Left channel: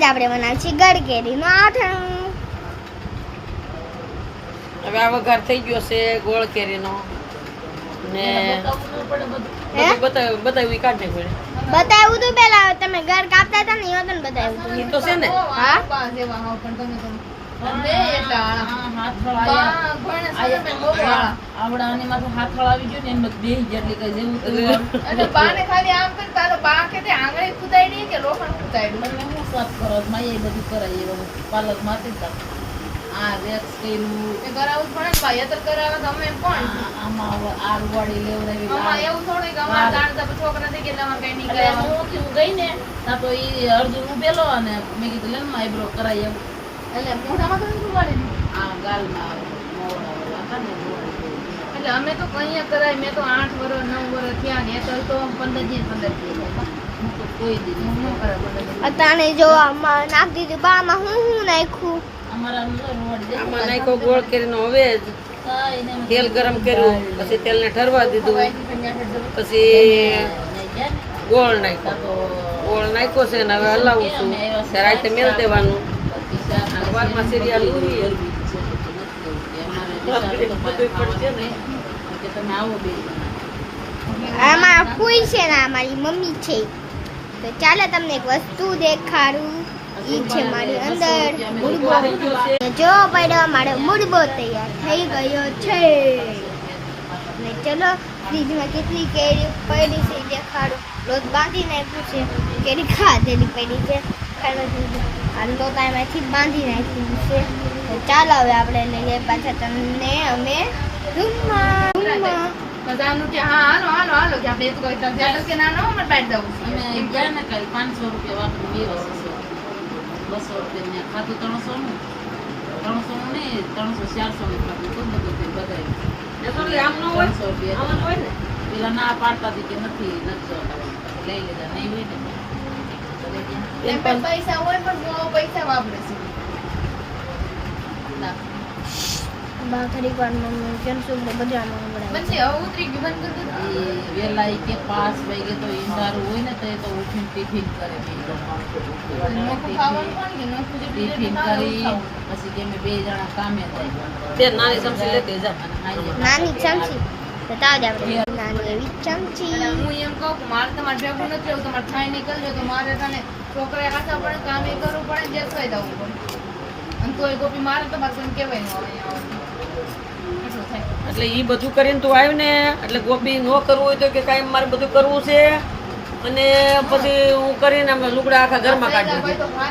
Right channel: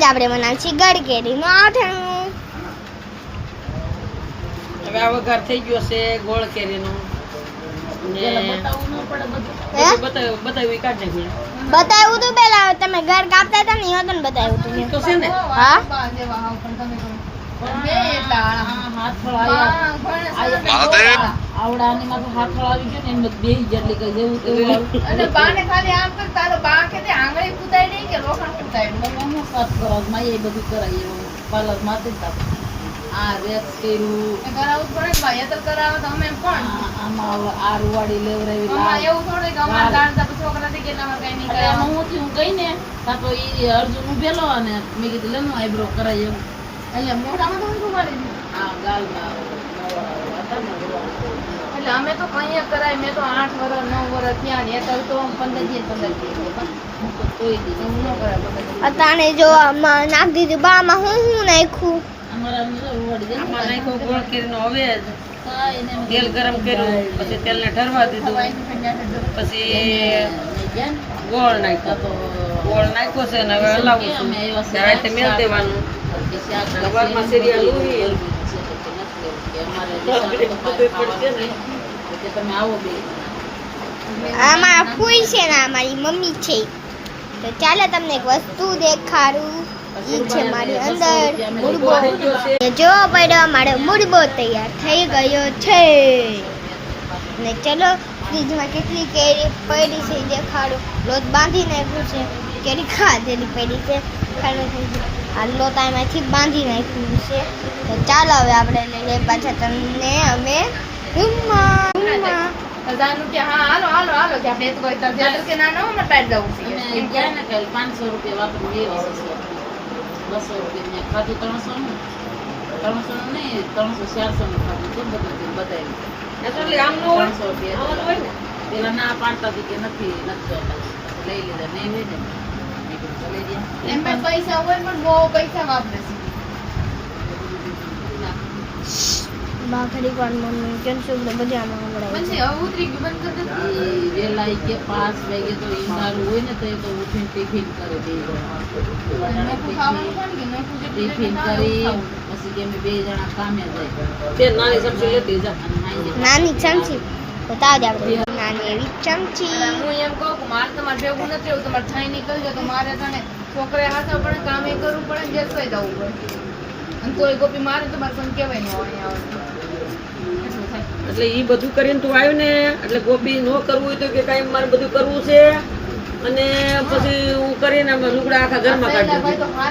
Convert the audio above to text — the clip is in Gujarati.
આજ આપણે બનાવીશું ગળ કેરીનું આઠણું. હવે આ વઘાર થઈ ગયો છે ગોળ કેરીનો ને બતાવી કાઢે પડે. બતાવ્યું તું પેલા તમે ઘર કાપતા હતા ને એ હતું ને બતાવ્યું તું તો છે ને હા આવડાની માથે હાથળ આવી ગયો ને એમ બે જેટલી કઈ જેવું તેવું અને બાને ખાલી આમ કર તારો બા કે તે આંગળી કુતાડી કે લોખંડ કુતાડી હું સાફ કરત માં એ બધું કરાય એવું પાલક માથે જ આ રેક્સ કર્યું એ કરાવવું પડે ને ભાઈ અતર કરાવે તો અમે પણ આમાં આ રૂવાડી લેવરાવી આમાં એવું થોડે કે અમાર જાણતા છોકરા થી કેટલા માં કઈ નહીં કરે હું ગઈ ને તા તો ઈ અર્જુન ઉભેલો અને મેં કીધું લે નો આઈબ્રો કરાય એવું એટલે મોઢામાં તો રૂવાડી આ ગાલમાં મોવડા હતા ને રૂવાડી એટલે અમે તો કઈ કરાય મેં તો 8 વર્ષ 9 વર્ષ થયા ને તો 15 દી કોઈ દી ન કરે અતાણે જો આમાં નાખ દીધું બામાં હું નાખ્યું અમારા રૂવાડી આમાં નાખ્યો ગોળ કેરીનો હવે તેલ ગરમ કર્યું પછી તેલને ઠરવા દીધું પછી ગોળ નાખ્યો છે ને હવે હલાવું છું રાતે મેલ દેવાનું સવારમાં સિરિયલ તમે આવો બે આમાં ફૂઈ છે ને અમારી મમ્મી છે તો ચાલો તમને એક વસ્તુ દેખાડું. ઈ છે મારી અંદર મુરબો. જો પડ્યો મારો મુરબો તૈયાર થઈ ગયો છે ને ચલો ફ્રીજમાં કેટલી કેરી પડી છે દેખાડો. લોટ બાંધી નાખ્યું છે, કેરી ખાધેલી પડી છે, આ લોટ આમાંથી બાંધી નાખ્યું છે. તો ચાલો હવે આપણે લઈએ પાછા તમને અમે રૂમમાં. બધાનું કે હા હાલો હાલો હાલો કે આપણે તો કોઈ તજેલ કે ના નો મને પાડી દઉં અને એમ ક્યાં ને કઈ 500 રૂપિયા વાપરી બે વર્ષ 200 રૂપિયા ને ખાતું 300 નું 300 નહીં 300 400 નું ખાતું તો બધું બતાવી એટલે આમ ન હોય 300 રૂપિયા પેલા ના પાડતા હતી કે નથી જોતા લઈ લીધા નહીં હોય ને એમ પણ પૈસા હોય પણ બહુ પૈસા વાપરે છે બાખડી કોણ મમ્મી કેન્સલ બધું આમાં હમણાં પછી ઉતરી બંધ કરી દે વેલાઈ કે 5 વાગે તો ઈંધારું હોય ને તો ઉઠીને ટિફિન કરે બે જણા નોકુ ખાવાનું કોણ કે નોકુ જે ટિફિન કરી પછી કે બે જણા કામે જાય તે નાની ચમચી લેતી જા નાની ચમચી તો તાજ આપણે નાની એવી ચમચી. હું એમ કહું કે મારે તમારે ભેગું નથી એવું તમારે થાય નીકળજો તો મારે તને છોકરા હાથે પડે કામે કરવું પડે જે કઈ દવું પડે અને તોય ગોપી મારે તો મારે કોઈ કહેવાય નહીં એટલે ઈ બધું કરીને તું આવી ને એટલે ગોપી ન કરવું હોય તો કે કાંઈ મારે બધું કરવું છે અને પછી હું કરીને લુગડા આખા ઘરમાં કાઢી દીધી.